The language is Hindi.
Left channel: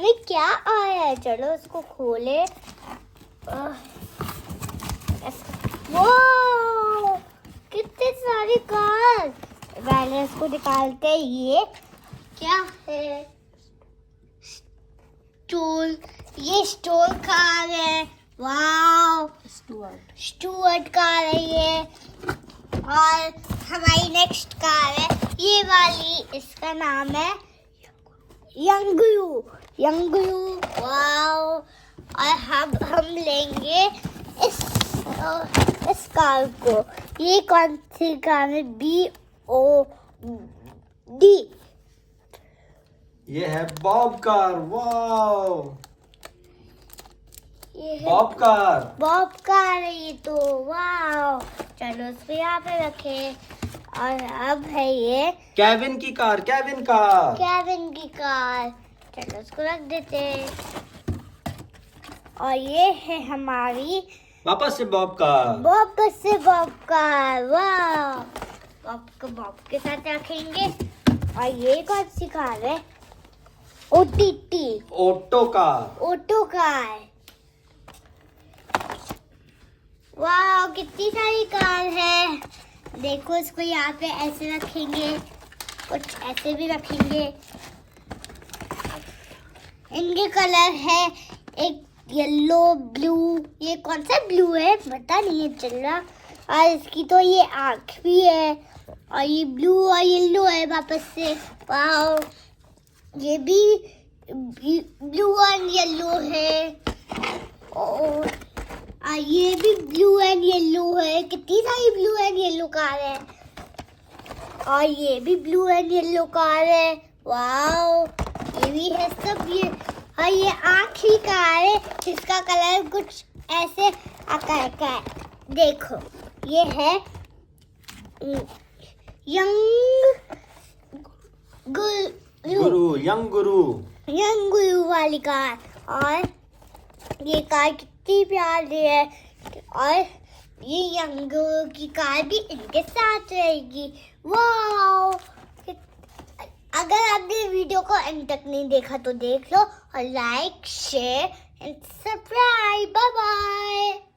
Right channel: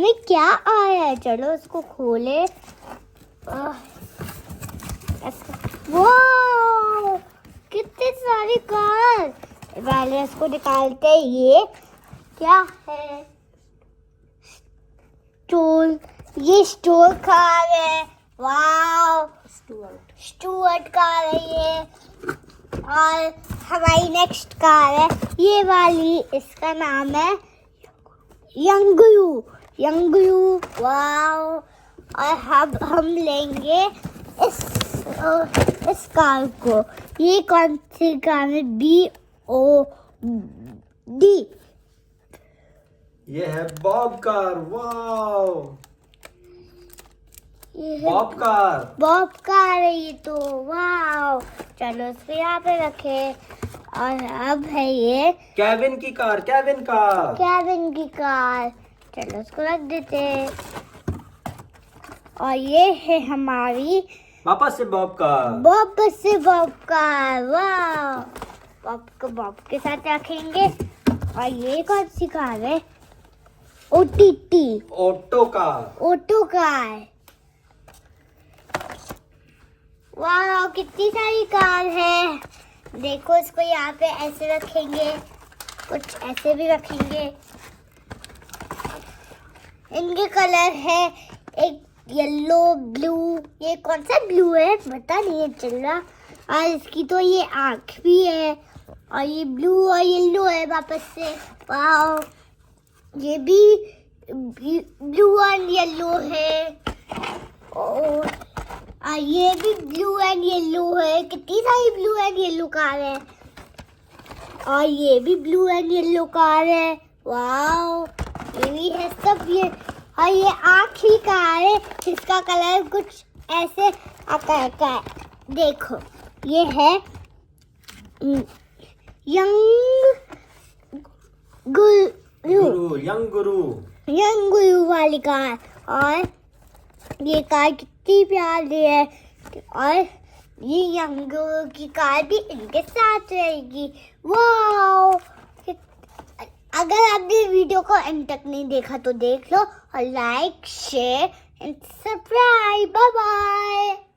में क्या आया है? चलो उसको खोले। वाओ, कितने सारे कार। पहले इसको निकालते हैं। ये क्या है? स्टूल। ये स्टूल कार है। वाओ, स्टूअर्ट कार है ये। और हमारी नेक्स्ट कार है ये वाली। इसका नाम है यंगू। वाओ। और हम लेंगे इस कार को। ये कौन सी कार है? BOD। ये है Bob car. Wow, Bob car है ये तो। वाओ, चलो इसको यहाँ पे रखे। और अब है ये केविन की कार। केविन की कार। चलो इसको रख देते हैं। और ये है हमारी वापस से बॉब कार। वाओ, बॉब के साथ रखेंगे। और ये कौन सी कार है? Auto car. वाह, कितनी सारी कार है। देखो, इसको यहाँ पे ऐसे रखेंगे, कुछ ऐसे भी रखेंगे। इनके कलर है एक येलो, ब्लू। ये कौन सा ब्लू है पता नहीं चल रहा। और इसकी तो ये आँख भी है। और ये ब्लू और येलो है वापस से। वाह, ये भी ब्लू एंड येलो है। और ये भी ब्लू एंड येलो है। कितनी सारी ब्लू एंड येलो कार है। और ये भी ब्लू एंड येलो कार है। वाओ, ये भी है सब ये। और ये आखिरी कार है जिसका कलर कुछ ऐसे आकार का है। देखो, ये है यंग गुरु वाली कार। और ये कार कितनी प्यारी है। और ये यंग की कार भी इनके साथ रहेगी। वाओ, अगर आपने वीडियो को एंड तक नहीं देखा तो देख लो। और like, share and subscribe. Bye bye.